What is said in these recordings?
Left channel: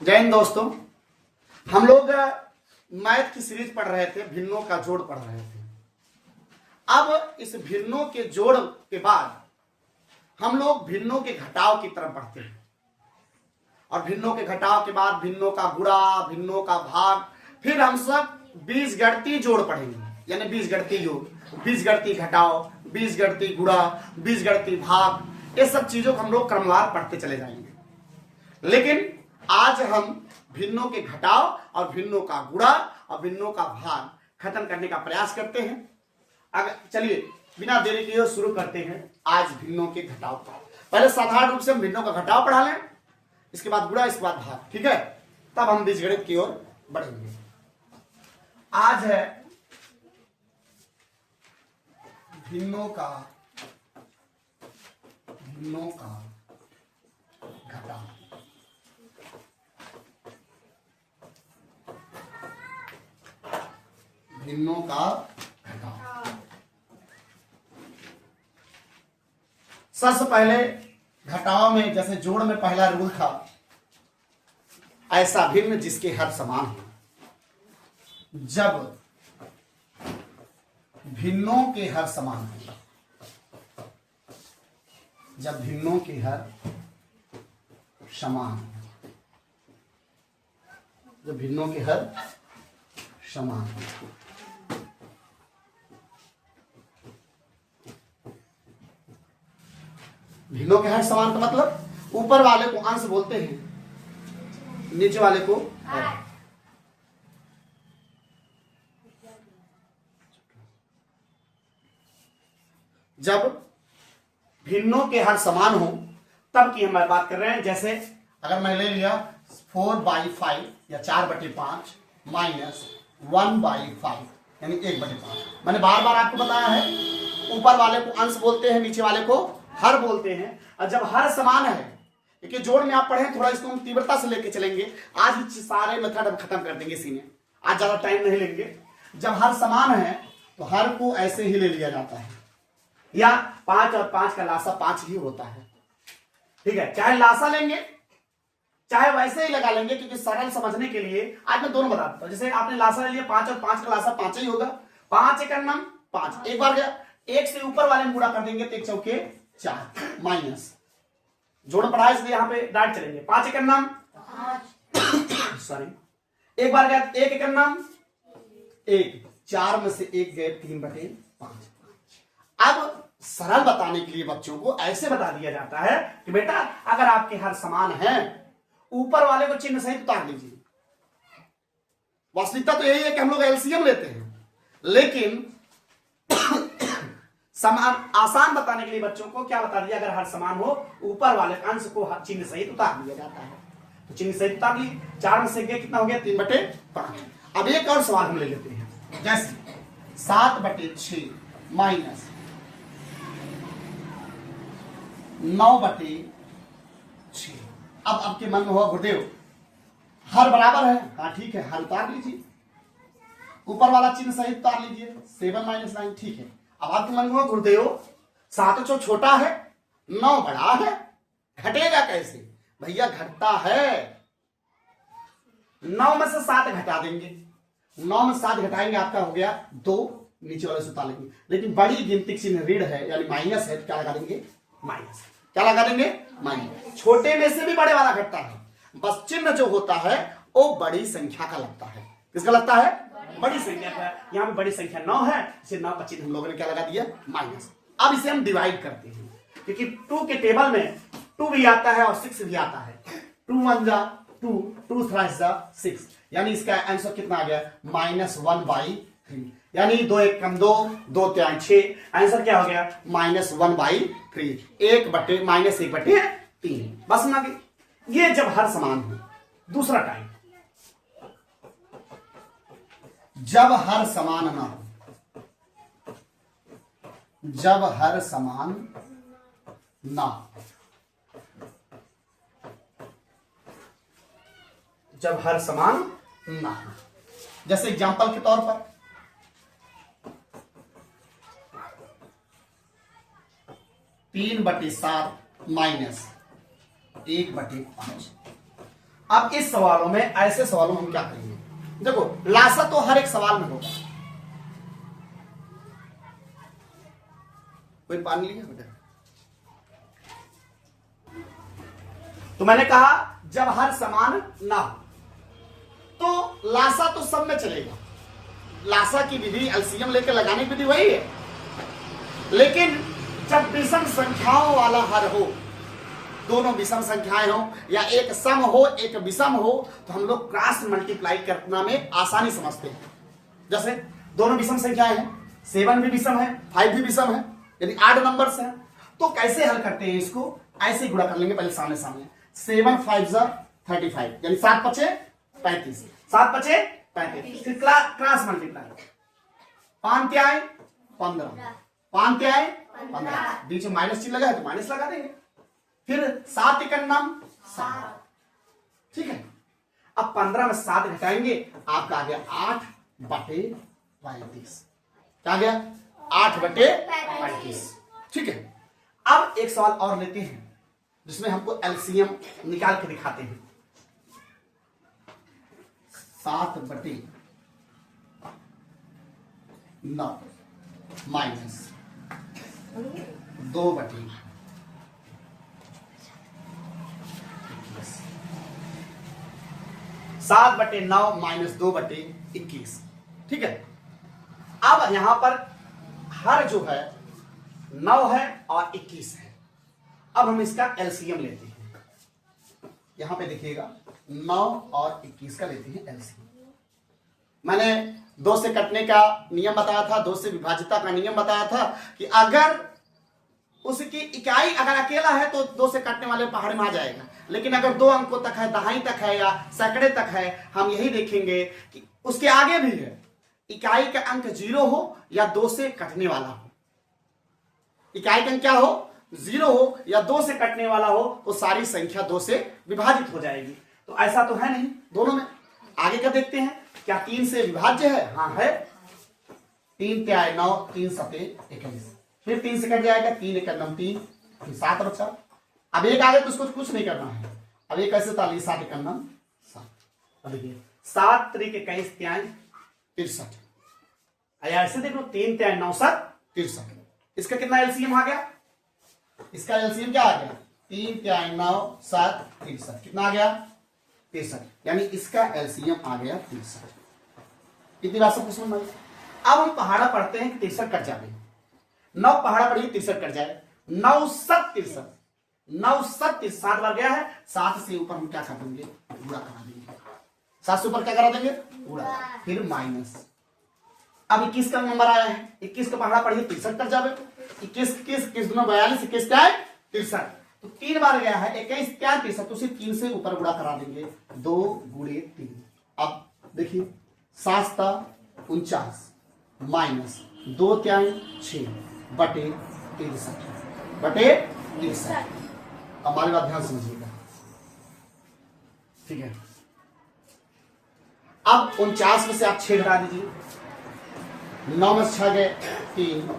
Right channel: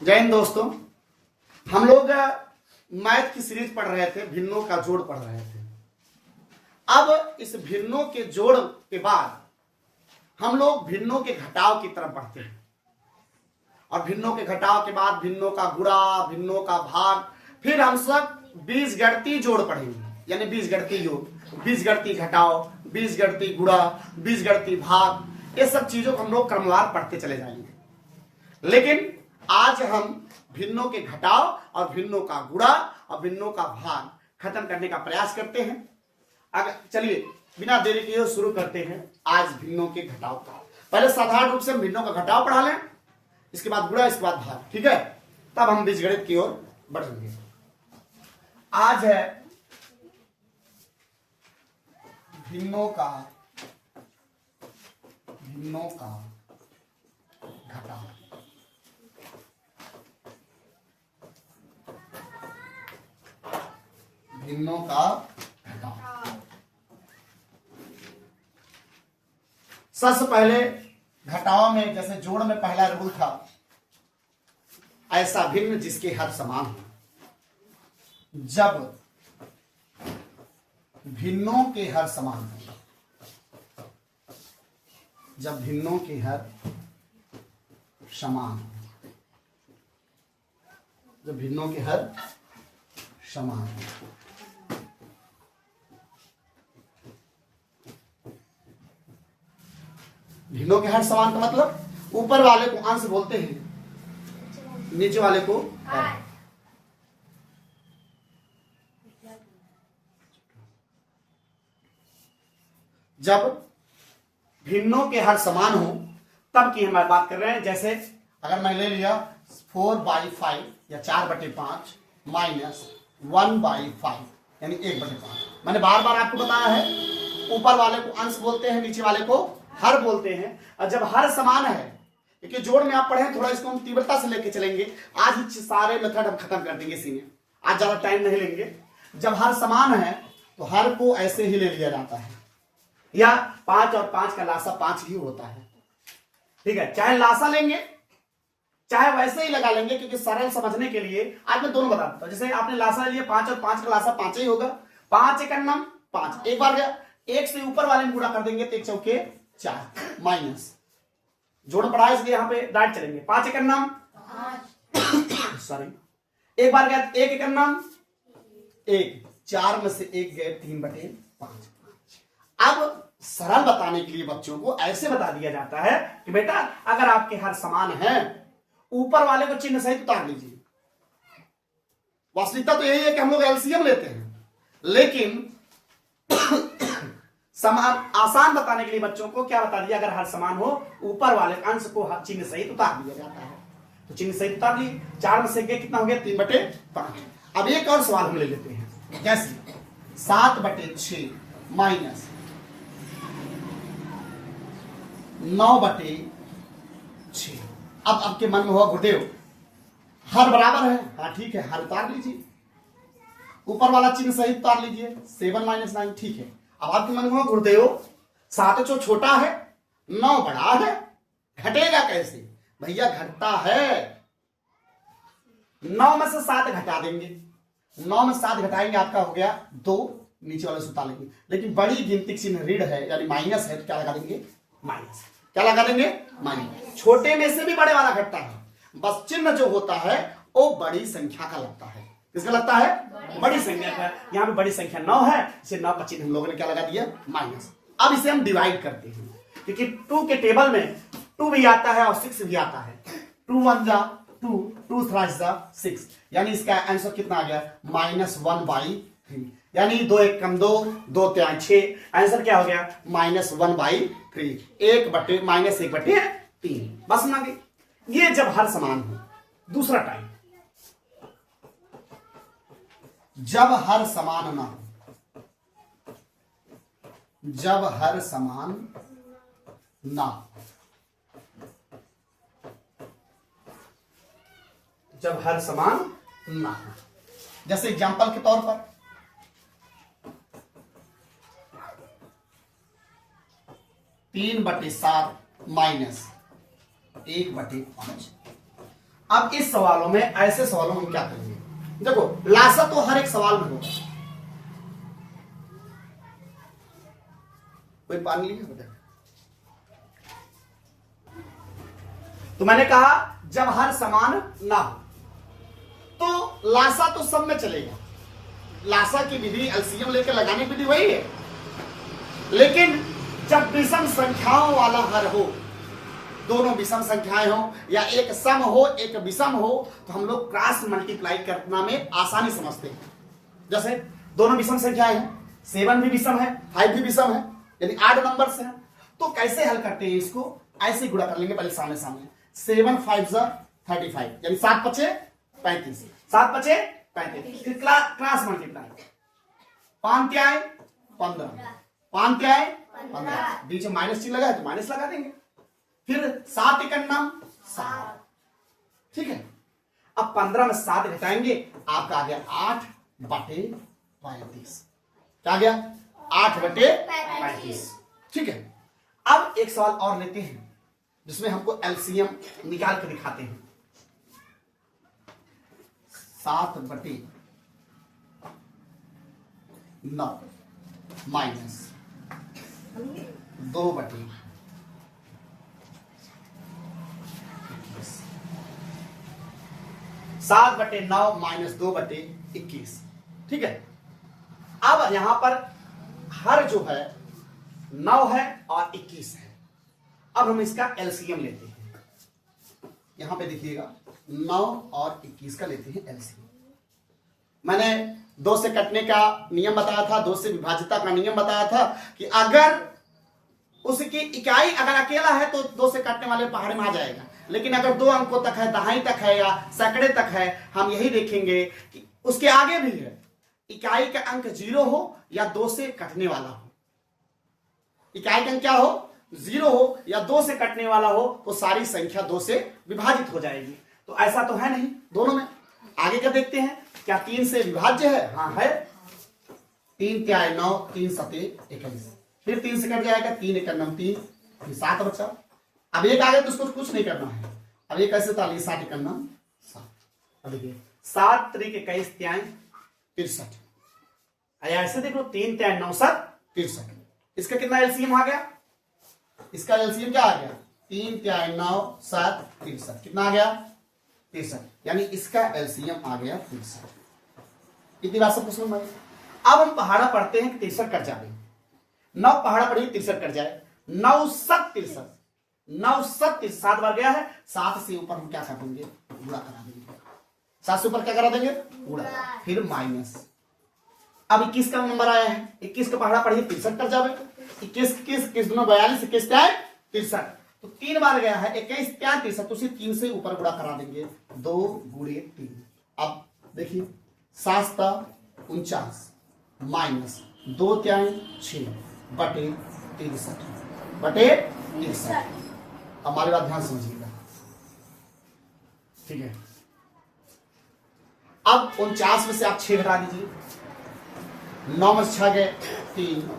जय हिंद दोस्तों। हम लोग मैथ की सीरीज पढ़ रहे थे, भिन्नों का जोड़ पढ़ रहे थे। अब इस भिन्नों के जोड़ के बाद हम लोग भिन्नों के घटाव की तरफ बढ़ते हैं और भिन्नों के घटाव के बाद भिन्नों का गुणा, भिन्नों का भाग, फिर हम सब बीजगणितीय जोड़ पढ़ेंगे, यानी बीजगणितीय योग, बीजगणितीय घटाव, बीजगणितीय गुणा, बीजगणितीय भाग, ये सब चीजों को हम लोग क्रमवार पढ़ते चले जाएंगे। लेकिन आज हम भिन्नों के घटाव और भिन्नों का गुणा और भिन्नों का भाग खत्म करने का प्रयास करते हैं। अगर चलिए बिना देरी के शुरू करते हैं आज भिन्नों के घटाव का। पहले साधारण रूप से हम भिन्नों का घटाव पढ़ा लें, इसके बाद गुणा, इसके बाद भाग, ठीक है? तब हम बीजगणित की ओर बढ़ेंगे। आज है भिन्नों का घटाव। भिन्नों का घटाव। सबसे पहले घटाव में जैसे जोड़ में पहला रूल था, ऐसा भिन्न जिसके हर समान हो। जब भिन्नों के हर समान हो, जब भिन्नों के हर समान, जब भिन्नों के हर समान, भिन्नों के हर समान का मतलब ऊपर वाले को अंश बोलते हैं, नीचे वाले को हर। जब भिन्नों के हर समान हो तब की हम बात कर रहे हैं। जैसे अगर मैं ले लिया 4/5 या 4/5 माइनस 1/5 यानी 1/5। मैंने बार बार आपको बताया है, ऊपर वाले को अंश बोलते हैं, नीचे वाले को हर बोलते हैं। और जब हर समान है, देखिए जोड़ में आप पढ़े, थोड़ा इसको हम तीव्रता से लेके चलेंगे। आज सारे मेथड हम खत्म कर देंगे इसी में, आज ज्यादा टाइम नहीं लेंगे। जब हर समान है तो हर को ऐसे ही ले लिया जाता है, या 5 और 5 का लासा 5 ही होता है, ठीक है? चाहे लासा लेंगे चाहे वैसे ही लगा लेंगे, क्योंकि सरल समझने के लिए आज मैं दोनों बता देता हूं। जैसे आपने लासा लिया 5 और 5 का लासा 5 ही होगा। 5 एक नाम 5, एक बार एक से ऊपर वाले में गुणा कर देंगे तो 1 चौके 4 माइनस जोड़ पढ़ा, इसलिए यहां पे डायरेक्ट चलेंगे। 5 एक नाम सॉरी, एक बार गया 1 एक नाम 1, 4 में से 1 गए 3/5। अब सरल बताने के लिए बच्चों को ऐसे बता दिया जाता है कि बेटा अगर आपके हर समान है, ऊपर वाले को चिन्ह सहित उतार लीजिए। वास्तविकता तो यही है कि हम लोग एलसीएम लेते हैं, लेकिन समान आसान बताने के लिए बच्चों को क्या बता दिया, अगर हर समान हो ऊपर वाले अंश को चिन्ह सहित उतार दिया जाता है। तो चिन्ह सहित उतार ली, 4 में से कितना हो गया 3/5। अब एक और सवाल हम ले लेते हैं, जैसे 7/6 माइनस 9/6। अब आपके मन में हुआ गुरुदेव हर बराबर है, हाँ ठीक है, हर उतार लीजिए, ऊपर वाला चिन्ह सहित उतार लीजिए, 7 - 9, ठीक है। अब आपके मन में हुआ गुरुदेव 7 छोटा है 9 बड़ा है, घटेगा कैसे? भैया घटता है, 9 में से 7 घटा देंगे, 9 में 7 घटाएंगे आपका हो गया 2, नीचे वाले से उतार लेंगे। लेकिन बड़ी गिनती चिन्ह ऋण है यानी माइनस है, तो क्या लगा देंगे माइनस। क्या लगा देंगे माइनस। छोटे में से भी बड़े वाला घटता है, बस चिन्ह जो होता है वो बड़ी संख्या का लगता है। किसका लगता है? बड़ी संख्या का। यहाँ पे बड़ी संख्या 9 है, इसे 9 का चिन्ह हम लोगों ने क्या लगा दिया माइनस। अब इसे हम डिवाइड करते हैं, क्योंकि 2 के टेबल में 2 भी आता है और 6 भी आता है। 2 1 जा 2, 2 3 जा 6, यानी इसका आंसर कितना आ गया -1/3, यानी 2 1 कम 2, 2 3 6, आंसर क्या हो गया -1/3, -1/3। बस ना गई। ये जब हर समान हो। दूसरा टाइप, जब हर समान ना हो, जब हर समान ना हो, जब हर समान ना हो। जैसे एग्जांपल के तौर पर 3/7 माइनस 1/5। अब इस सवालों में, ऐसे सवालों में हम क्या करेंगे, देखो लासा तो हर एक सवाल में होगा। कोई पानी नहीं होगा। तो मैंने कहा जब हर समान ना हो तो लासा तो सब में चलेगा। लासा की विधि, एलसीएम लेकर लगाने की विधि वही है। लेकिन जब विषम संख्याओं वाला हर हो, दोनों विषम संख्याएं हो या एक सम हो एक विषम हो, तो हम लोग क्रॉस मल्टीप्लाई करना में आसानी समझते हैं। जैसे दोनों विषम संख्याएं हैं, 7 भी विषम है, 5 भी विषम है, यानी 8 नंबर्स हैं। तो कैसे हल करते हैं इसको, ऐसे गुणा कर लेंगे पहले सामने सामने। 7 5 35, यानी 7 पचे 35, 7 पचे 35, फिर क्रॉस मल्टीप्लाई, 5 त्याय 15, 5 त्याय 15, बीच में माइनस चिन्ह लगा है तो माइनस लगा देंगे। फिर 7 एकन्नम 7, ठीक है। अब 15 में 7 घटाएंगे, आपका आ गया 8/35, क्या आ गया 8/35, ठीक है। अब एक सवाल और लेते हैं जिसमें हमको एलसीएम निकाल के दिखाते हैं। 7/9 माइनस 2/21, 7/9 माइनस 2/21, ठीक है। अब यहां पर हर जो है 9 है और 21 है। अब हम इसका एलसीएम लेते हैं। यहां पे देखिएगा 9 और 21 का लेते हैं एलसीएम। मैंने 2 से कटने का नियम बताया था, 2 से विभाज्यता का नियम बताया था कि अगर उसकी इकाई अगर अकेला है तो 2 से काटने वाले पहाड़ में आ जाएगा। लेकिन अगर 2 अंकों तक है, दहाई तक है या सैकड़े तक है, हम यही देखेंगे कि उसके आगे भी है, इकाई का अंक 0 हो या 2 से कटने वाला हो। इकाई का अंक क्या हो, 0 हो या 2 से कटने वाला हो, तो सारी संख्या 2 से विभाजित हो जाएगी। तो ऐसा तो है नहीं दोनों में। आगे क्या देखते हैं, क्या 3 से विभाज्य है? हाँ है। 3 त्याय 9, 3 सते 21, फिर 3 से कट जाएगा, 3 एकन्नम 3, 7 बचा। अब एक आगे तो उसको कुछ नहीं करना है। अब ये कैसे था, 7 एकन्नम 7। अब देखिए 7 त्रिक 21 त्याय 63, ऐसे देखो 3 त्याय 9 7 63। इसका कितना एलसीएम आ गया, इसका एलसीएम क्या आ गया, 3 त्याय 9 7 63, कितना आ गया 63, यानी इसका एलसीएम आ गया 63। कितनी बात सब कुछ भाई। अब हम पहाड़ा पढ़ते हैं कि 63 कट जाए, 9 पहाड़ा पढ़िए 63 कट जाए, 9 7 63, 9 7 7 बार गया है, 7 से ऊपर हम क्या कर देंगे, गुणा करा देंगे। 7 से ऊपर क्या करा देंगे, गुणा, फिर माइनस। अब 21 का नंबर आया है, 21 का पहाड़ा पढ़िए 63 कर जावे, 21 21 दोनों 42, 21 क्या है 63, तो 3 बार गया है, 21 क्या 63, तो सिर्फ 3 से ऊपर गुणा करा देंगे, 2 गुणे 3। अब देखिए 7 49 माइनस 2 त्याय 6 बटे 63। हमारी बात ध्यान समझिएगा, ठीक है। अब 49 में से आप 6 घटा दीजिए, 9 में 6 गए 3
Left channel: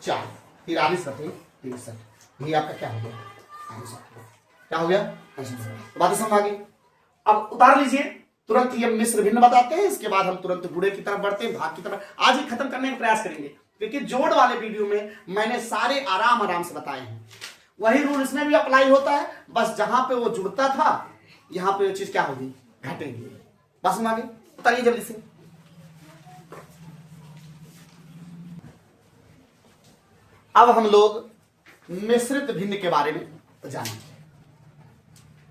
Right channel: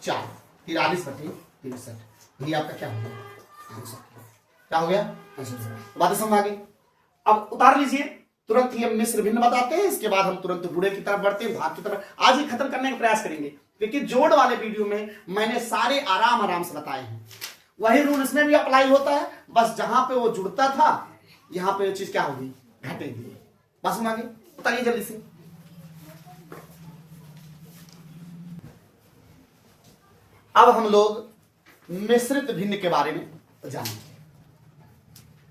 4, 43/63, ये आपका क्या हो गया, क्या हो गया, बातें समझ आ गई। अब उतार लीजिए, तुरंत ही हम मिश्र भिन्न बताते हैं, इसके बाद हम तुरंत गुणे की तरफ बढ़ते हैं, भाग की तरफ। आज ही खत्म करने का प्रयास करेंगे, क्योंकि जोड़ वाले वीडियो में मैंने सारे आराम से बताए हैं। वही रूल इसमें भी अप्लाई होता है, बस जहां पे वो जुड़ता था यहां पे वो चीज क्या होगी, घटेगी। बस हम आगे उतारिए जल्दी से। अब हम लोग मिश्रित भिन्न के बारे में जानेंगे।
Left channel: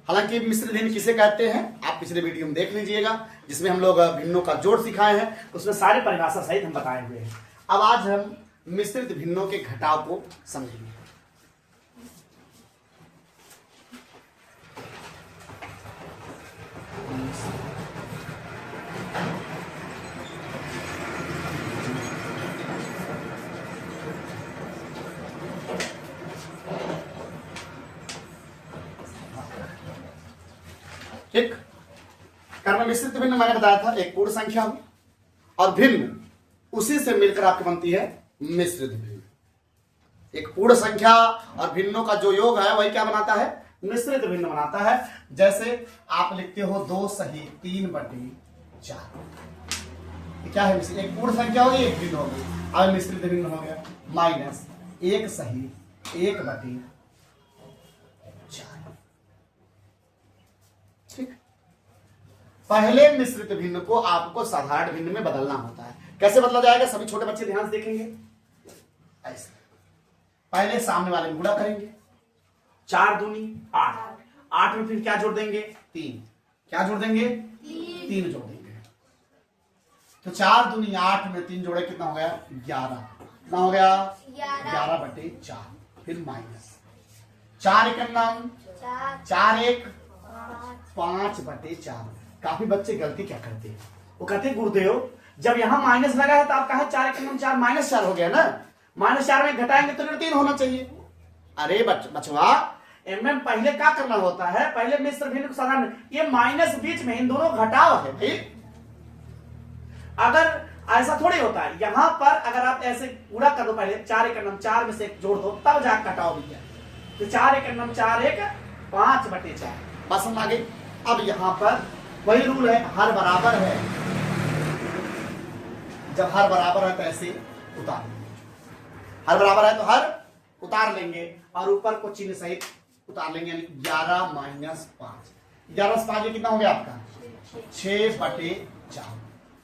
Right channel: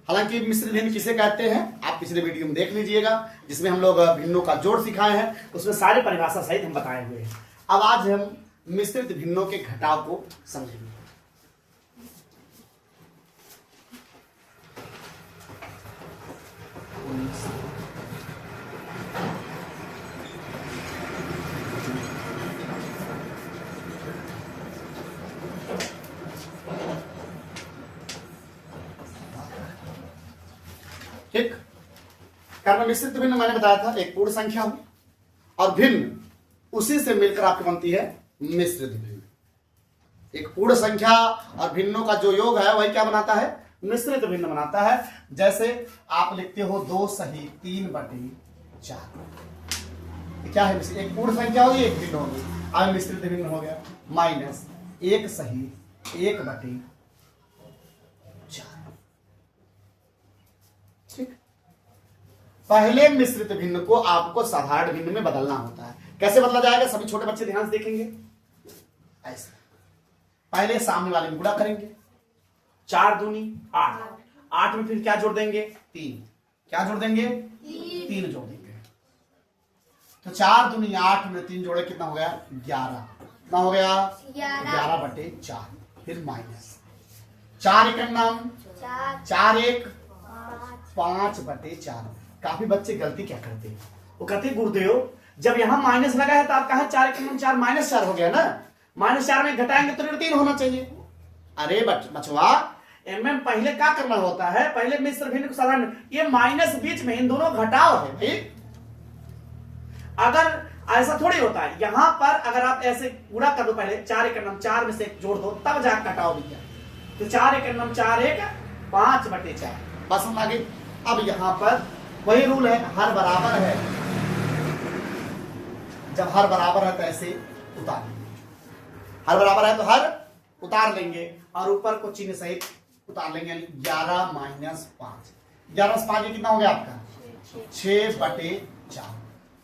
हालांकि मिश्रित भिन्न किसे कहते हैं आप पिछले वीडियो में देख लीजिएगा, जिसमें हम लोग भिन्नों का जोड़ सिखाए हैं, उसमें सारे परिभाषा सहित हम बताए हुए हैं। अब आज हम मिश्रित भिन्नों के घटाव को समझेंगे। ठीक, कारण मिश्रित भिन्न मैंने बताया था एक पूर्ण संख्या हो और भिन्न उसी से मिलकर आपकी बनती है मिश्रित भिन्न। एक पूर्ण संख्या और भिन्नों का जो योग है वही क्या बनाता है, मिश्रित भिन्न बनाता है। जैसे आप लिखते हो 2 सही 3/4, क्या है, एक पूर्ण संख्या होगी, एक भिन्न होगी, अब मिश्रित भिन्न हो गया। माइनस 1 सही 1/4, ठीक। पहले मिश्रित भिन्न को आपको साधारण भिन्न में बदलना होता है। कैसे बदला जाएगा, सभी छोटे बच्चे ध्यान से देखेंगे। ऐसे पहले सामने वाले में गुणा करेंगे, 4 दूनी 8, 8 में फिर क्या जोड़ देंगे, 3, क्या जोड़ देंगे, 3 जोड़ देंगे। तो 4 दूनी 8 में 3 जोड़े कितना हो गया, 11, कितना हो गया, 11/4, फिर माइनस 4 1 4 1 5/4। काफी बच्चे गलती क्या करते हैं, वो कहते हैं गुरुदेव जब यहां माइनस लगा है तो आप कहा 4 1 4 -4 हो गया ना, -4 में घटाएंगे तो 3 होना चाहिए। अरे बचवा, एमएम पहले क्या करना होता है, पहले मिश्र भिन्न को साधारण, ये माइनस बीच में इन दोनों घटाव है भाई। अगर ऐसा थोड़ी होता है, यहां पर अगर आप ऐसे पूरा कर दो, पहले 4 1 4 में से 1 जोड़ दो तब जाकर घटाव भी है। तो 4 1 4 1 5/4 बस हम आगे। अब यहां पर वही रूल है, हर बराबर है, जब हर बराबर है तो ऐसे उतार लेंगे, हर बराबर है तो हर उतार लेंगे और ऊपर को चिन्ह सहित उतार लेंगे, यानी 11 - 5, 11 से 5 कितना हो गया आपका, 6/4।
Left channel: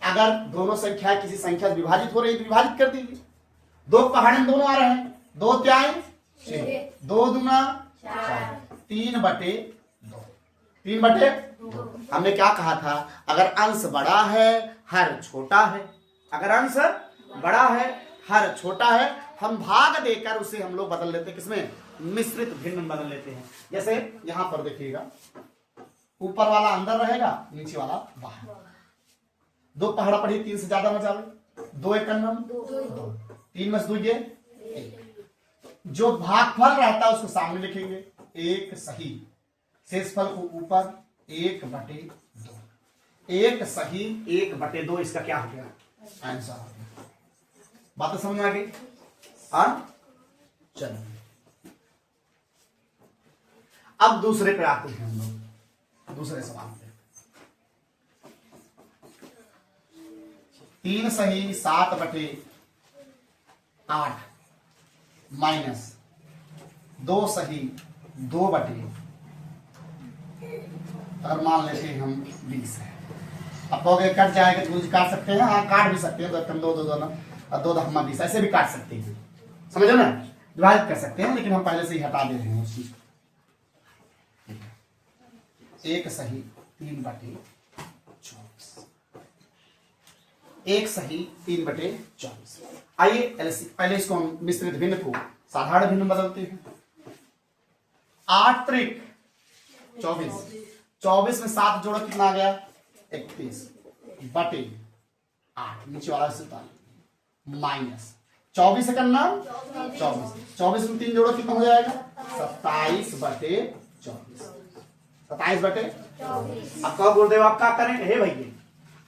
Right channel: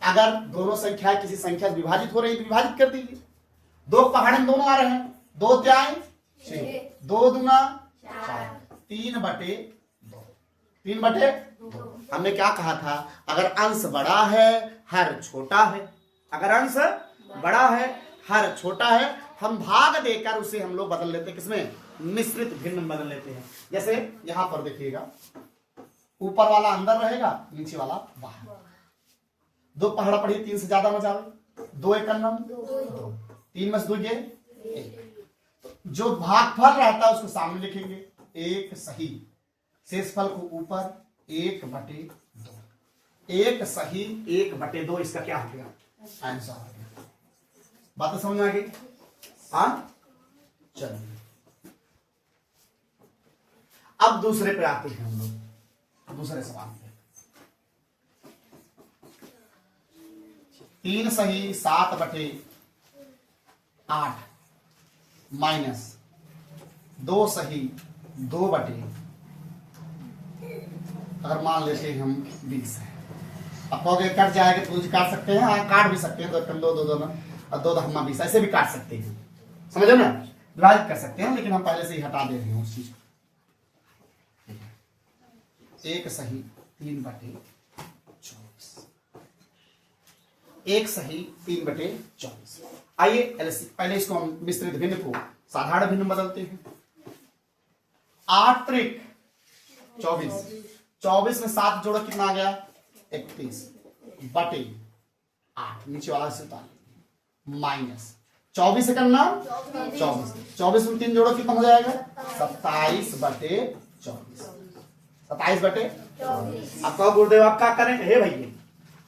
अगर दोनों संख्या किसी संख्या से विभाजित हो रही है तो विभाजित कर दीजिए, 2 पहाड़े में दोनों आ रहे हैं, 2 3 6, 2 दूना 4, 3/2, 3/2। हमने क्या कहा था, अगर अंश बड़ा है हर छोटा है, अगर अंश बड़ा है हर छोटा है, हम भाग देकर उसे हम लोग बदल लेते हैं, किसमें, मिश्रित भिन्न बदल लेते हैं। जैसे यहां पर देखिएगा, ऊपर वाला अंदर रहेगा, नीचे वाला बाहर। 2 पहाड़ा पढ़ी, 3 से ज्यादा मचावे, 2 1 2, 3 में 2 ये 1। जो भागफल रहता है उसको सामने लिखेंगे, 1 सही, शेष फल को ऊपर 1/2, 1 सही 1/2, इसका क्या हो गया, आंसर हो गया। बात तो समझ में आ गई। हाँ चलिए अब दूसरे पे आते हैं हम लोग, दूसरे सवाल पे। 3 सही 7/8 माइनस 2 सही 2/, अगर मान लेते हैं हम 20 है। अब कहोगे कट जाएगा तो कुछ काट सकते हैं, हाँ काट भी सकते हैं, 2 2 2 और 2 2 20 ऐसे भी काट सकते हैं, समझो ना, विभाजित कर सकते हैं, लेकिन हम पहले से ही हटा दे रहे हैं उस चीज। 1 सही 3/24, 1 सही 3/24। आइए पहले इसको हम मिश्रित भिन्न को साधारण भिन्न बदलते हैं। 8 त्रिक 24, 24 में 7 जोड़ा कितना आ गया, 31/8, नीचे वाला से माइनस 24 से करना 24 में 3 जोड़ो कितना हो जाएगा, 27/24, 27/24। अब कहो गुरुदेव आप क्या करें, हे भैया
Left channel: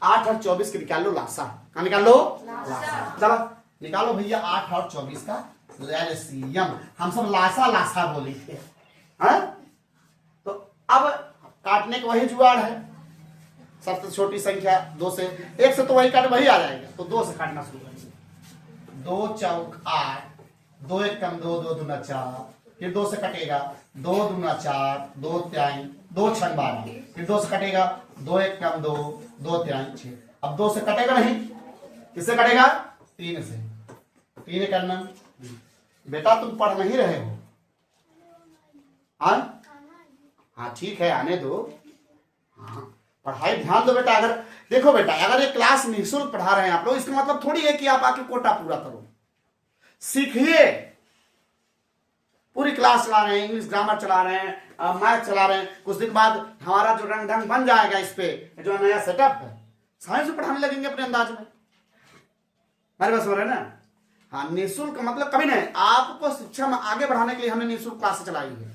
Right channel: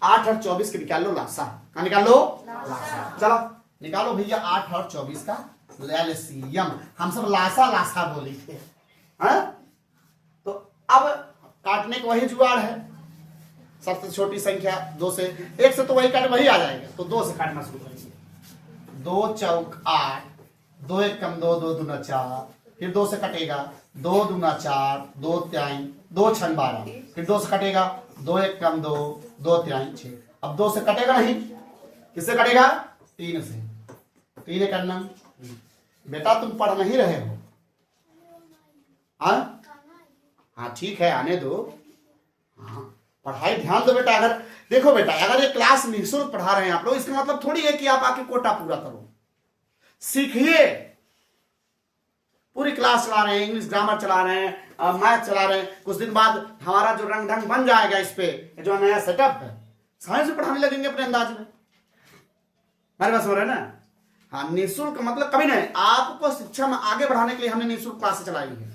8 और 24 के निकाल लो लासा, क्या निकाल लो, लासा। चलो निकालो भैया 8 और 24 का एलसीएम। हम सब लासा लासा बोली थे, हाँ? तो अब काटने का वही जुगाड़ है, सबसे छोटी संख्या 2 से, 1 से तो वही काट वही आ जाएगा, तो 2 से काटना शुरू करेंगे। 2 चौक 8, 2 1 2, 2 दूना 4, फिर 2 से कटेगा, 2 दूना 4, 2 3, 2 6 12, फिर 2 से कटेगा, 2 1 2, 2 3 6। अब 2 से कटेगा नहीं, किससे कटेगा, 3 से, 3 करना। बेटा तुम पढ़ नहीं रहे हो, हाँ ठीक है आने दो, हाँ पढ़ाई ध्यान दो बेटा। अगर देखो बेटा, अगर ये क्लास निःशुल्क पढ़ा रहे हैं आप लोग, इसका मतलब थोड़ी है कि आप आके कोटा पूरा करो, सीखिए। पूरी क्लास चला रहे हैं, इंग्लिश ग्रामर चला रहे हैं, मैथ चला रहे हैं, कुछ दिन बाद हमारा जो रंग ढंग बन जाएगा इस पे, जो नया सेटअप है, साइंस में पढ़ाने लगेंगे अपने अंदाज में। मेरे पास हो रहा है ना, हाँ निःशुल्क मतलब कभी नहीं, आपको शिक्षा में आगे बढ़ाने के लिए हमने निःशुल्क क्लासेस चलाई है।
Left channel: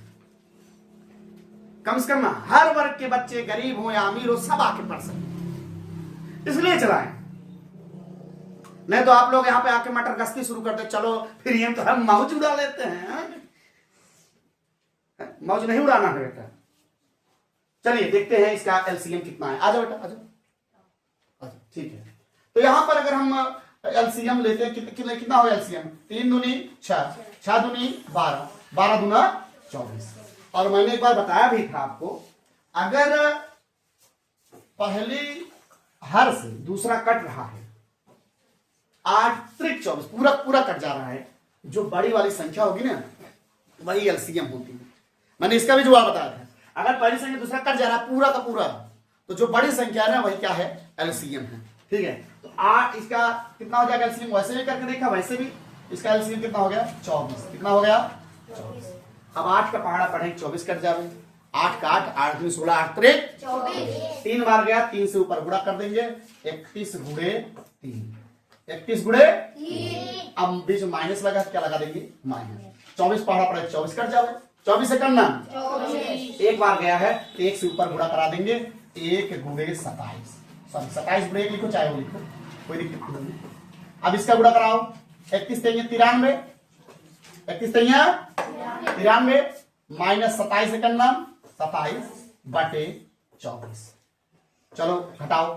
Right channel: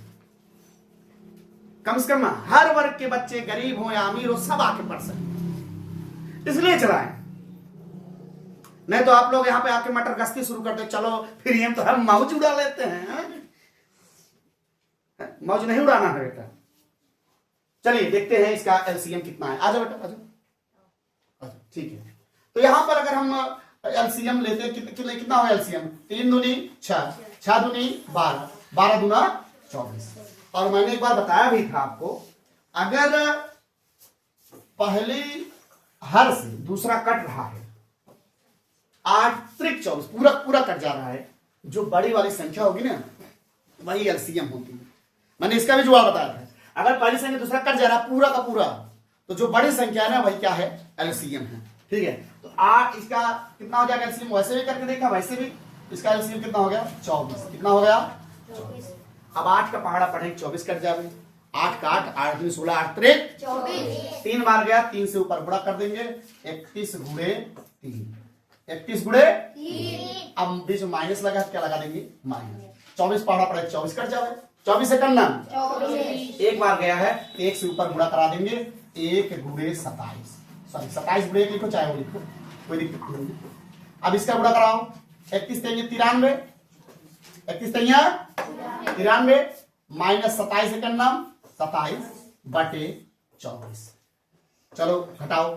कम से कम हर वर्ग के बच्चे, गरीब हो या अमीर हो, सब आके पढ़ सके, इसलिए चलाएं। नहीं तो आप लोग यहां पे आके मटर गश्ती शुरू करते, चलो फिर हम तो हम मौज उड़ा लेते हैं। मौज नहीं उड़ाना है बेटा। चलिए देखते हैं इसका एलसीएम कितना है। आ जाओ बेटा, आ जाओ। ठीक है, तो यहां पर अगर हम एलसीएम लेते हैं कितना हो एलसीएम? 3 दूनी 6, 6 दूनी 12, 12 दूना 24। और मैंने एक बार बताया भी था आपको, अगर पहली हर से दूसरा कट रहा है 8 त्रिक 24, पूरा पूरा कट जा रहा है, जो बड़ी वाली संख्या होगी ना वही एलसीएम होती है। मैंने इसका भी जवाब बताया था, अगर पहली संख्या दूसरा कट जा रहा है पूरा का पूरा, तो जो बड़ी संख्या है ना वही क्या है? एलसीएम है। ठीक है, तो 8 इसका कितना हो जाएगा एलसीएम? वैसे भी करके देखा, वैसे भी इसका एलसीएम कितना हो गया? 24। कितना हो गया? 24। अब 8 का पहाड़ा पढ़ेंगे 24 कट जाए। 8 का 8, 8 दूनी 16, 8 त्रिक 24। 3 बार गया, 3 से ऊपर गुणा कर देंगे, 31 गुणे 3, 31 गुणे 3। अब बीच में माइनस लगा, क्या लगा देंगे? माइनस। 24 पहाड़ा पड़े 24 कट जाए। 24 से करना 24, एक बार गया है तो 1 से ऊपर गुणा करा देंगे, 1 गुणे 27, सॉरी 27 गुणे 1 लिखो चाहे वो लिखो, कोई दिक्कत नहीं। अब इसका गुणा कराओ, 31 तेईया 93, 31 तेईया 93 माइनस 27 से करना 27 बटे 24। चलो घटाओ,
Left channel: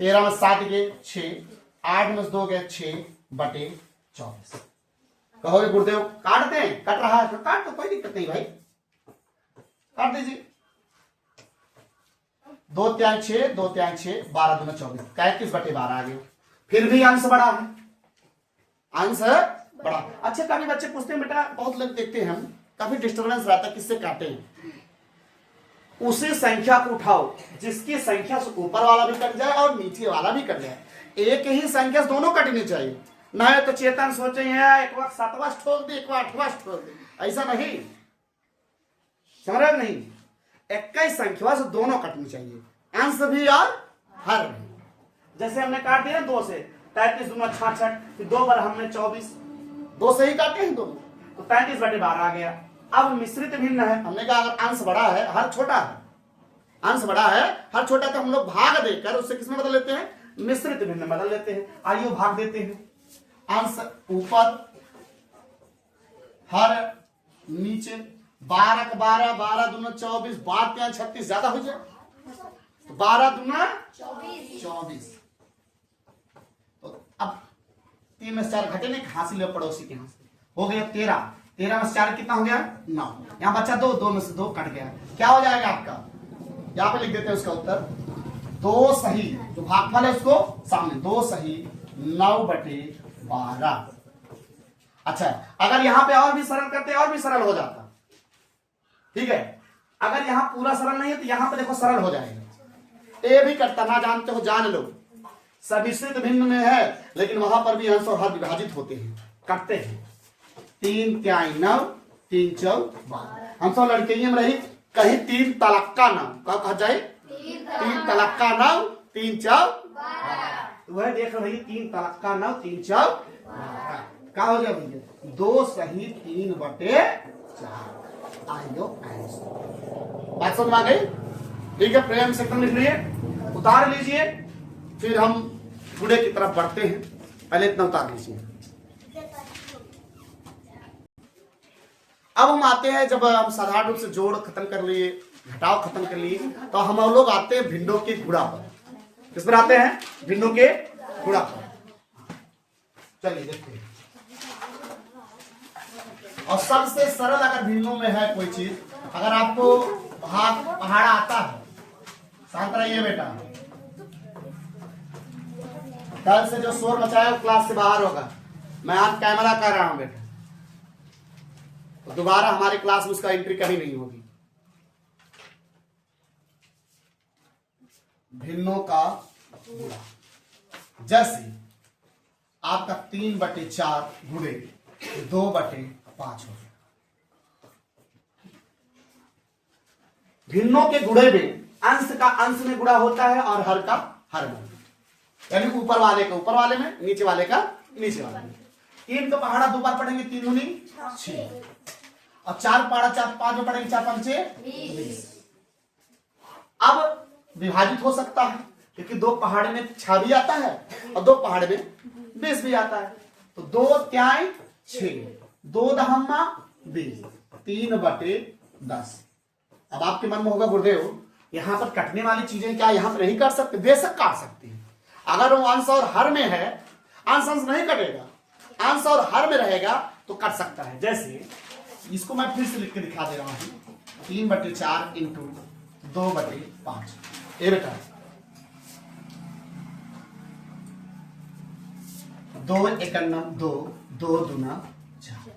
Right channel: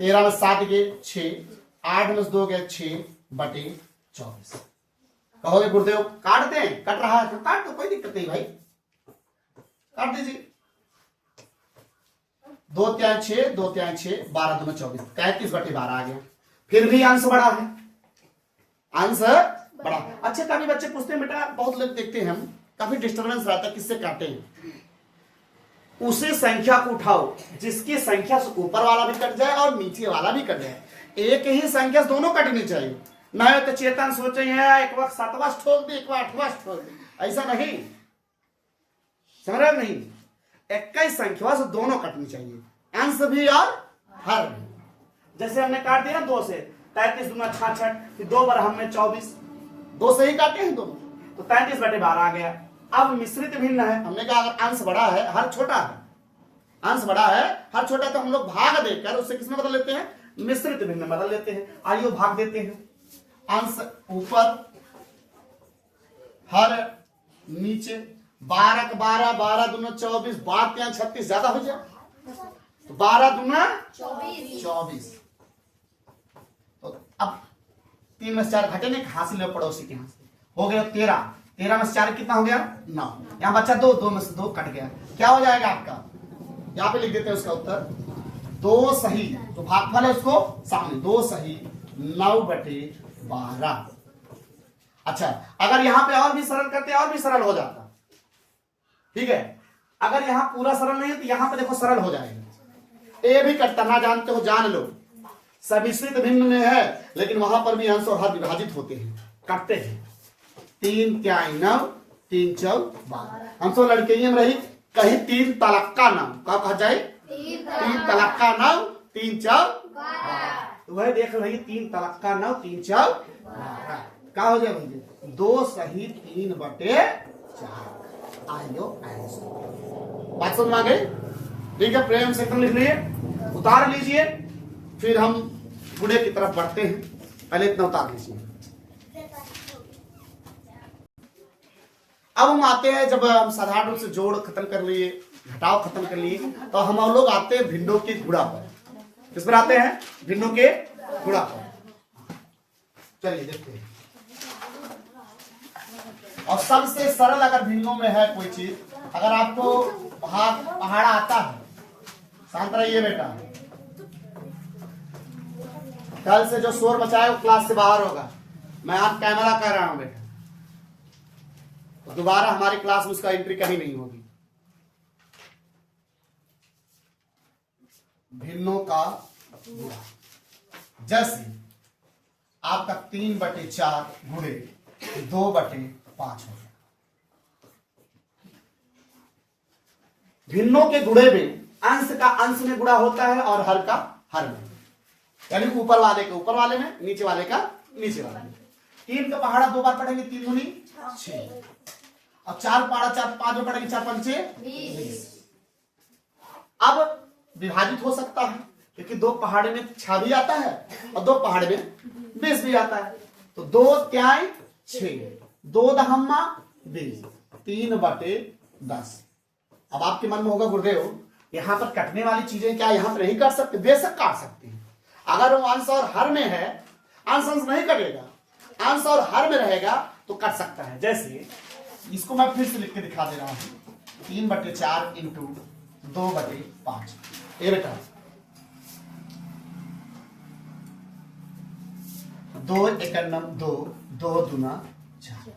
13 में 7 गए 6, 8 में 2 गए 6 बटे 24। कहोगे गुरुदेव काट दें? कट रहा है तो काट दो, कोई दिक्कत नहीं भाई, काट दीजिए। 2 3 6, 2 3 6, 12 दूना 24, 33 बटे 12 आ गया। फिर भी अंश बड़ा है, अंश बड़ा। अच्छा, काफी बच्चे पूछते हैं बेटा, बहुत लोग देखते हैं हम, काफी डिस्टर्बेंस रहता है, किससे काटे? उसी संख्या को उठाओ जिसकी संख्या से ऊपर वाला भी कट जाए और नीचे वाला भी कट जाए। एक ही संख्या से दोनों कटनी चाहिए, नहीं तो चेतन सोचे एक वक्त 7वां ठोक दी, एक बार 8वां ठोक दी, ऐसा नहीं, समझ नहीं। 21 संख्या से दोनों कटनी चाहिए, अंश भी और हर भी। जैसे हमने काट दिया 2 से, 33 दूना 66, फिर 2 बार हमने 24, 2 से ही काटे हैं दोनों, तो 33 बटे 12 आ गया। अब मिश्रित भिन्न है, हमने कहा अगर अंश बड़ा है हर छोटा है, अंश बड़ा है हर छोटा, तो हम लोग भाग देकर उससे किसमें बदल लेते हैं? मिश्रित भिन्न बदल लेते हैं। आइए भाग देते हैं, अंश ऊपर हर नीचे, 12 का 12, 12 दूना 24, 12 3 36, ज्यादा हो जाए तो 12 दूना 24। तो अब 3 में से 4 घटेंगे, हासिल है पड़ोसी के यहाँ से, हो गया 13, 13 में से 4 कितना हो गया? 9। यहाँ बच्चा 2, 2 में से 2 कट गया, क्या हो जाएगा आपका? यहाँ पे लिख देते हैं उसका उत्तर, 2 सही, जो भागफल है उसको सामने, 2 सही 9 बटे 12। अच्छा, अगर यहां पे और भी सरल करते और भी सरल हो जाता, ठीक है। अगर यहां पूरा सरल नहीं है तो यहां पे देखो सरल हो जाएगा। ए भी कटता, ना जानते हो जान लो, समिश्रित भिन्न में है, लेकिन वहां पर भी अंश और हर विभाजित होते हैं, कटते हैं। 3 3 9, 3 4 12। हम तो लड़के में रही, कहीं 3 तलक्का नाम, क्या कहा जाए? 3 तलक्का नाम 3 4 12। वह देख रही 3 तलक्का नाम 3 4 12, क्या हो गया भैया? 2 सही 3 बटे 4। आइयो बात समझ आ गई? ठीक है, प्रेम से लिख लिए, उतार लीजिए, फिर हम गुणे की तरफ बढ़ते हैं। पहले इतना उतार लीजिए। अब हम आते हैं, जब हम साधारण रूप से जोड़ खत्म कर लिए, घटाव खत्म कर लिए, तो हम लोग आते हैं भिन्नों के गुणा पर। किस पर आते हैं? भिन्नों के गुणा पर। चलिए देखते हैं। और सबसे सरल अगर भिन्नों में है कोई चीज, अगर आपको पहाड़ा आता है, शांत रहिए बेटा, कल से जो शोर मचाए वो क्लास से बाहर होगा। मैं आज कैमरा कर रहा हूं बेटा, तो दोबारा हमारी क्लास में उसका एंट्री कहीं नहीं होगी। भिन्नों का गुणा, जैसे आपका 3 बटे 4 गुणे 2 बटे 5 हो गया। भिन्नों के गुणे में अंश का अंश में गुणा होता है और हर का हर में, यानी ऊपर वाले का ऊपर वाले में, नीचे वाले का नीचे वाले में। 3 का पहाड़ा 2 बार पढ़ेंगे, 3 दूनी 6, और 4 पहाड़ा 4 5 में पढ़ेंगे, 4 पंचे 20। अब विभाजित हो सकता है, क्योंकि 2 पहाड़े में 6 भी आता है और 2 पहाड़े में 20 भी आता है। तो 2 3 6, 2 दहम्मा 20, 3 बटे 10। अब आपके मन में होगा गुरुदेव यहां पर कटने वाली चीजें क्या यहां पर नहीं काट सकते? बेशक काट सकते हैं। अगर वो अंश और हर में है, अंश अंश नहीं कटेगा, अंश और हर में रहेगा तो कट सकता है। जैसे इसको मैं फिर से लिख के दिखा दे रहा हूं, 3/4 इंटू 2/5। ये बेटा 2 एकम 2, 2 दूना 4,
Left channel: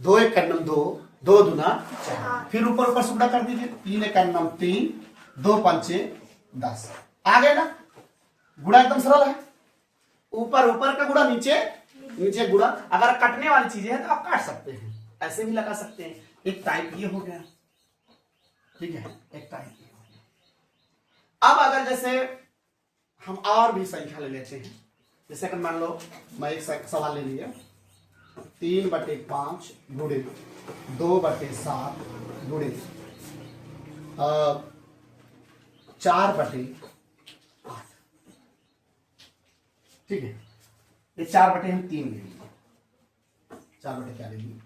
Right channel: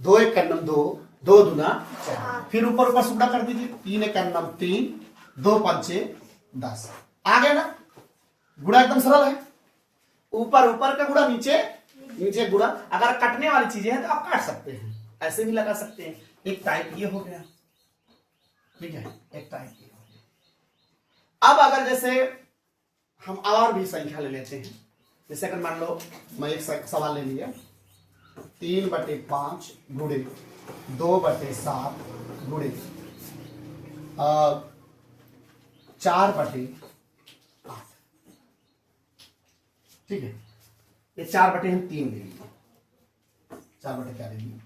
2 एकम 2, 2 दूना 4। फिर ऊपर ऊपर सुबड़ा कर दीजिए, 3 एकम 3, 2 पंचे 10। आ गए ना? गुणा एकदम सरल है। ऊपर ऊपर का गुणा, नीचे नीचे गुणा। अगर कटने वाली चीजें हैं तो आप काट सकते हैं, ऐसे भी लगा सकते हैं। एक टाइप ये हो गया, ठीक है, एक टाइप ये हो गया। अब अगर जैसे हम और भी संख्या ले लेते हैं, जैसे अगर मान लो मैं एक सवाल ले लिया, 3/5 गुणे 2/7 गुणे 4/8। ठीक है, ये 4/3 ले लीजिए, 4/क्या ले लीजिए,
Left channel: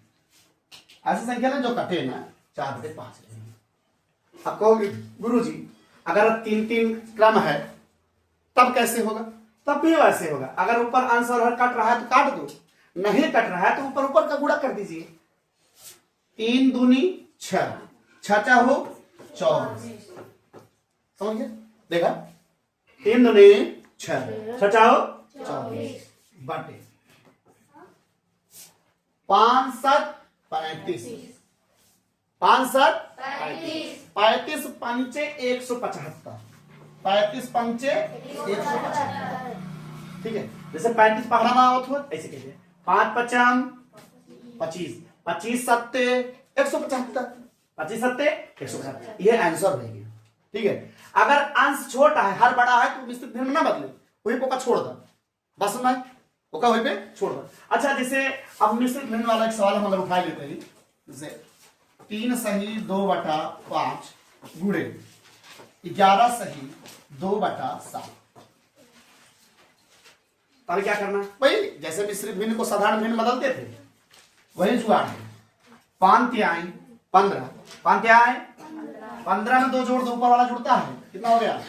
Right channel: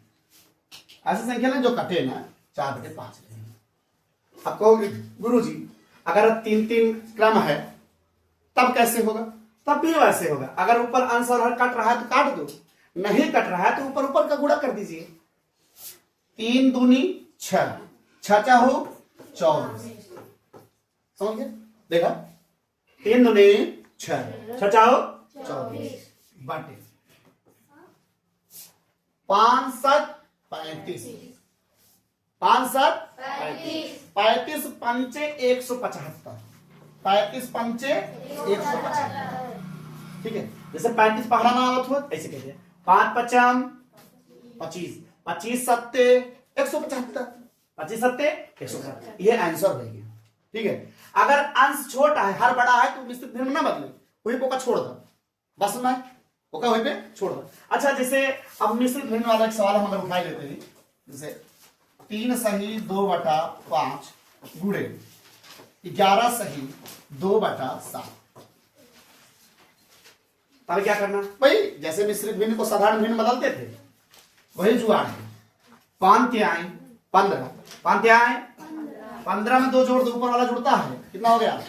ऐसी संख्या ना जो कटे ना 4/5 ले लीजिए। अब कहोगे गुरु जी अगर 3-3 क्रम है तब कैसे होगा? तब भी वैसे होगा। अगर ऊपर अंश और हर कट रहा है तो काट दो, नहीं कट रहा है तो ऊपर ऊपर का गुणा कर दीजिए। 3 दूनी 6, 6 चाहो 24। समझिए, देखा 3 दूनी 6, 6 चाहो 24 बटे 5 7 35, 5 7 35 पंचे 175, 35 पंचे 175। ठीक है, जैसे 35 पहाड़ा में आवत हो ऐसे कहते हैं, 5 पचम 25, 25 सत्ते 175, 25 सत्ते 175। ये आंसर हो गया। ठीक है, अगर अंश छोटा है हर बड़ा है तो निश्चित भिन्न ना बदले, वही पोका छोड़ दो, बस ना ओका वही पे छोड़ दो। अच्छा, जैसे अब मिश्रित भिन्न वाला एक सवाल हम अगर उठा लेते हैं, जैसे 3 सही 2/5 गुणे 11 सही 2/7। अब क्या करना भाई? जैसे मिश्रित भिन्न को साधारण भिन्न बदलते थे वही जुगाड़ है। 5 तिहाई 15, 5 तिहाई 15 में 2 जोड़ दो, ऊपर वाला जुड़ता है, कितना हो गया?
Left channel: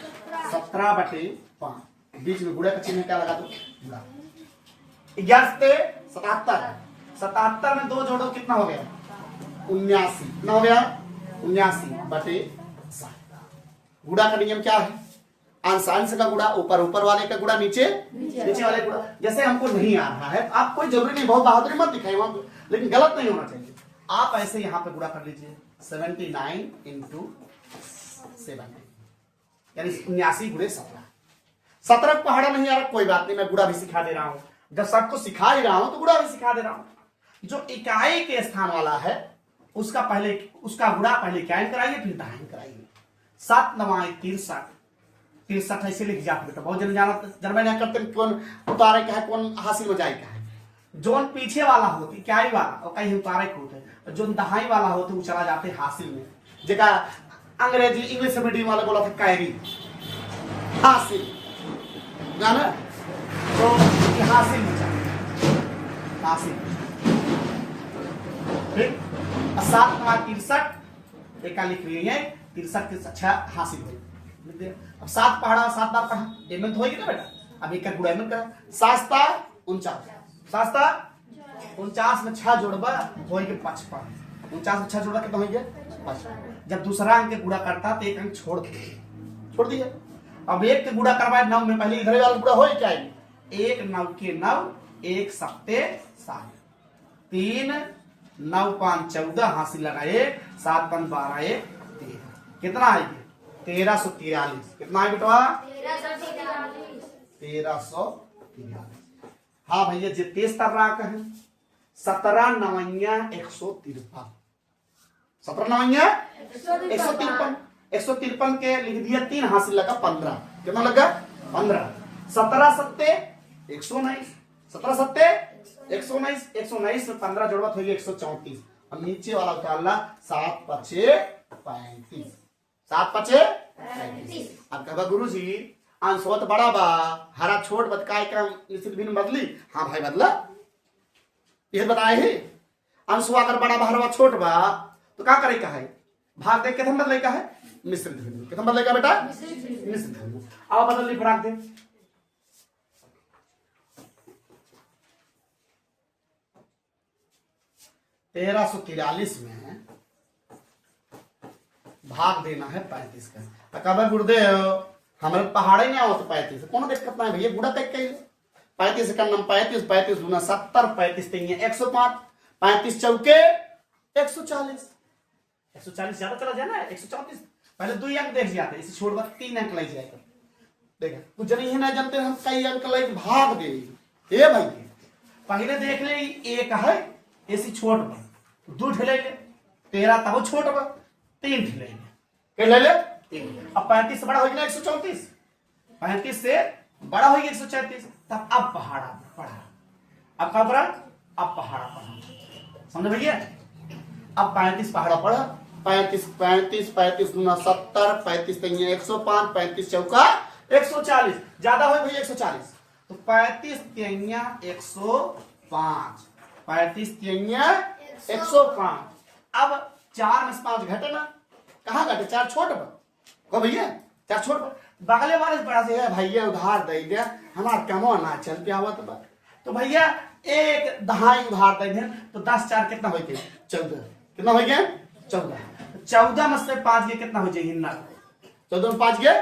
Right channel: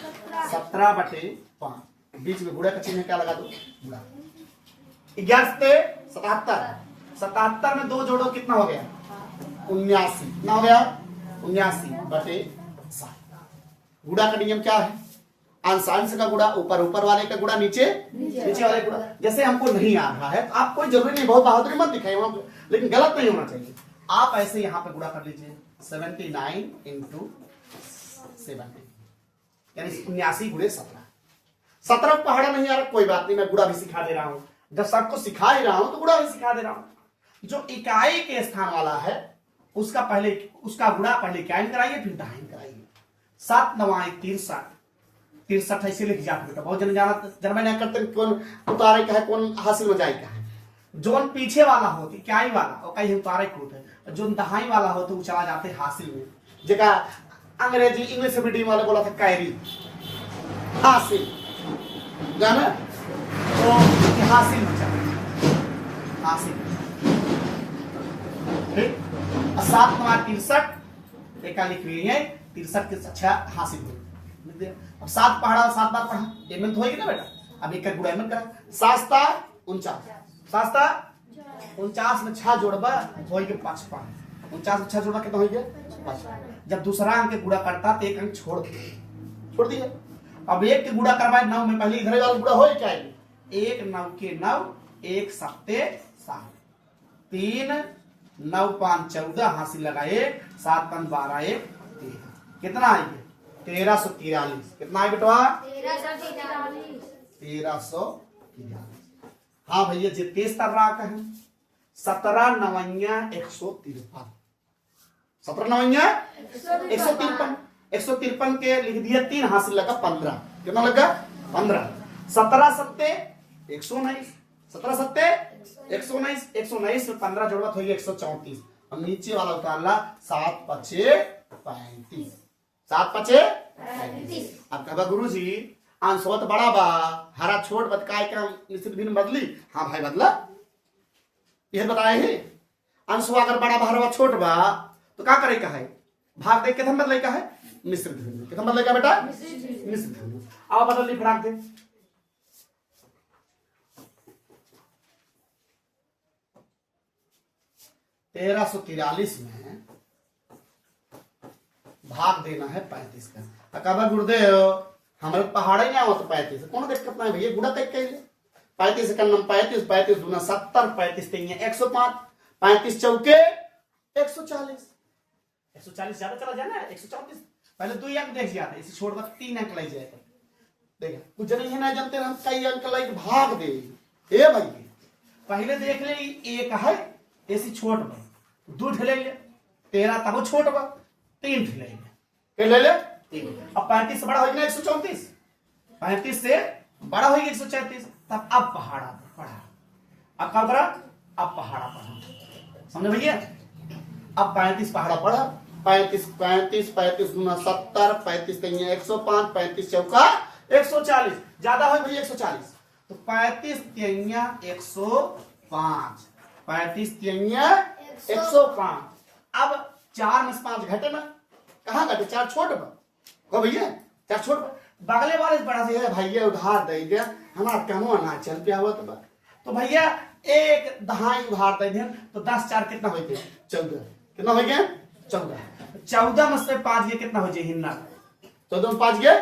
17/5। बीच में गुणा का चिन्ह क्या लगा दो? गुणा। 11 से 77, 77 में 2 जोड़ो, कितना हो गया? 79। कितना हो गया? 79/7। गुणा का नियम क्या है? अंश अंश का गुणा, ऊपर ऊपर वाले का गुणा, नीचे नीचे वाले गुणा। जैसे हमको नहीं आ रहा है तो आप कोई जरूरी नहीं, बहुत बहादुरी मत दिखाइए, लेकिन गलत नहीं होना चाहिए। आप ऐसे यहां पे गुणा कर लीजिए, 79 × 70 यानी 79 × 17। 17 पहाड़ा नहीं आ रहा, कोई बात नहीं, मैं गुणा भी सिखा दे रहा हूं। जब सबको सिखा ही रहा हूं तो गुणा भी सिखा दे रहा हूं। जो इकाई के स्थान वाला है उसका गुणा पहले इकाई कराइए, फिर दहाई कराइए। 7 9 63, 63 ऐसे लिख जाते बेटा, बहुत जन नहीं करते कौन उतारे का है कौन हासिल में जाए का है। जो पीछे वाला होते इकाई वाला और कहीं उतारे को होते, जो दहाई वाला होते वो चला जाते हासिल में, जेका अंग्रेजी इंग्लिश मीडियम वाले बोला था कैरी, हासिल जाना, तो हासिल में चले, हासिल। ठीक, 7 9 63 एक लिख रही है, 63 अच्छा हासिल हो। अब 7 पढ़ा, 7 बार पढ़ा, एमन होगी ना बेटा। अब एक गुणा एमन करा, 7 49, 7 49 में 6 जोड़बा होई के 55, 49 में 6 जोड़बा कितना हो गया? 55। जब दूसरा अंक के गुणा करता तो एक अंक छोड़ दिए। अब एक के गुणा करवाए 9 में, पहले इधर वाला गुणा हो क्या? 1 9 के 9, 1 7 7, 3 9 5 14 हासिल लगाए, 7 5 12 1 13। कितना आएगा? 1343। कितना है बेटवा? 1343। हाँ भैया, जो तेज तर्राक है 17 9 153, 17 9 153, 153 के लिख दिया, 3 हासिल लगा 15। कितना लगा? 15। 17 7 119, 17 7 119, 119 में 15 जोड़वा हो गया 134। और नीचे वाला उतारला 7 5 35, 7 5 35। अब कहा गुरु जी अंशवा तो बड़ा बा, हरा छोट बतकाय का निश्चित भिन्न बदली। हाँ भाई बदला, यह बताए है। अंशवा अगर बड़ा बा हरवा छोट बा तो क्या करे का है? भाग दे कितना बदले का है, मिश्रित ध्वनि। कितना बदले का बेटा, मिश्रित ध्वनि। आओ बदल ली, भाग दे। तेरह सौ 43 में भाग देना है 35 का। अकबर गुरुदेव हमारे पहाड़ ही ना हो तो 35 कौन दिक्कत ना है भैया, गुड़ा तक के 35 का नाम 35, 35 दूना 70, 35 तीन 105, 35 चौके 140, 140 ज्यादा चला जाए ना 134। पहले 2 अंक देख जाते, इसे छोड़कर 3 अंक ले जाएगा। देखा कुछ जन ही ना जानते हम कई अंक लाइक भाग दे। ए भाई पहले देख ले एक है ऐसी छोट बा 2 ठेले ले 13 तब छोट बा 3 ठेले ले के ले ले 3। अब 35 से बड़ा होगी ना 134, 35 से बड़ा होगी 134, तब अब पहाड़ा पढ़ा। अब क्या करा, अब पहाड़ा पढ़ा, समझे भैया। अब 35 पहाड़ा पढ़ा, 35 35 35 गुना 70, 35 तीन 105, 35 चौका 140, ज्यादा हो भैया 140, तो 35 तीन 105, 35 तीन 105। अब 4 में से 5 घटे ना, कहाँ घटे, 4 छोट को भैया, 4 छोट बगले वाले बड़ा से है भैया उधार दे दिया हमारा कमो ना चल पे आवत बा, तो भैया एक दहाई उधार दे दे तो 10 4 कितना हो गया 14, कितना हो गया 14, 14 में से 5 गया कितना हो जाए हिन्ना, 14 में 5 गया,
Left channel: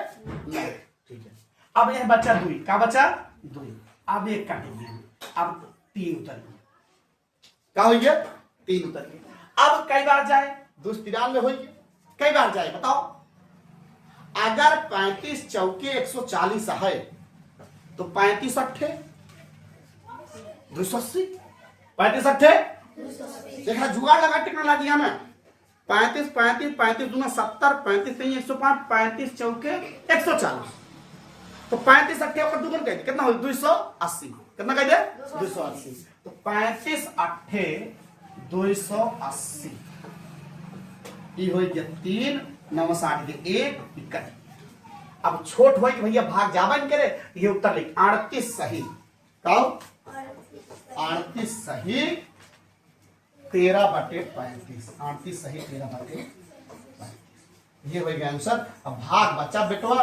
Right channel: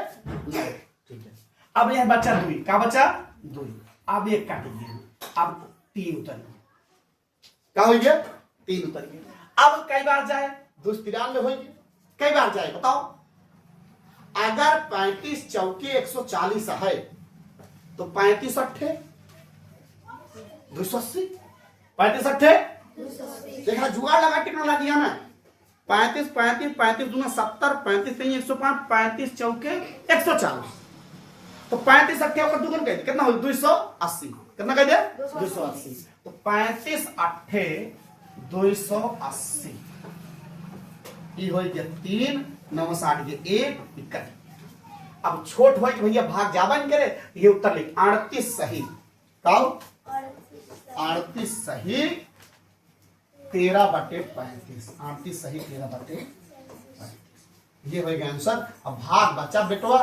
ठीक है। अब यह बच्चा 2 का बच्चा 2, अब 1 काटेंगे, अब 3 उतर गया, क्या हो गया 3 उतर गया। अब कई बार जाए 293 हो गया, कई बार जाए बताओ। अगर 35 चौके 140 है तो 35 अट्ठे 280, 35 अट्ठे देखा जुगाड़ लगा टेक्नोलॉजी में। 35 35 35 दूना 70, 35 तीन 105, 35 चौके 140, तो 35 अट्ठे होकर दुगन कह कितना हो 280, कितना कह दे 280, तो 35 अट्ठे 280 ये हो गया 3 9 60 के 1 21। अब छोट हो कि भैया भाग जावन करे, ये उत्तर लिख 38 सही, कहो 38 सही 13/35, 38 सही 13/35, ये हो गया आंसर। अब भाग बच्चा बेटवा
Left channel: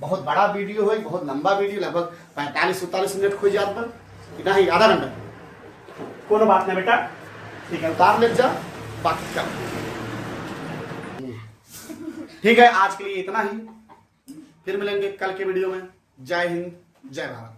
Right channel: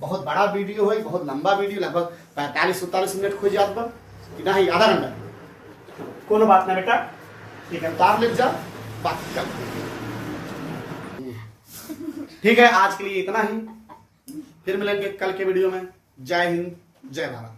बहुत बड़ा वीडियो है, बहुत लंबा वीडियो, लगभग 45-47 मिनट खोज जात पर इतना ही आधा घंटा, कोनो बात नहीं बेटा, ठीक है उतार ले जा बाकी कर। ठीक है आज के लिए इतना ही, फिर मिलेंगे कल के वीडियो में। जय हिंद जय भारत।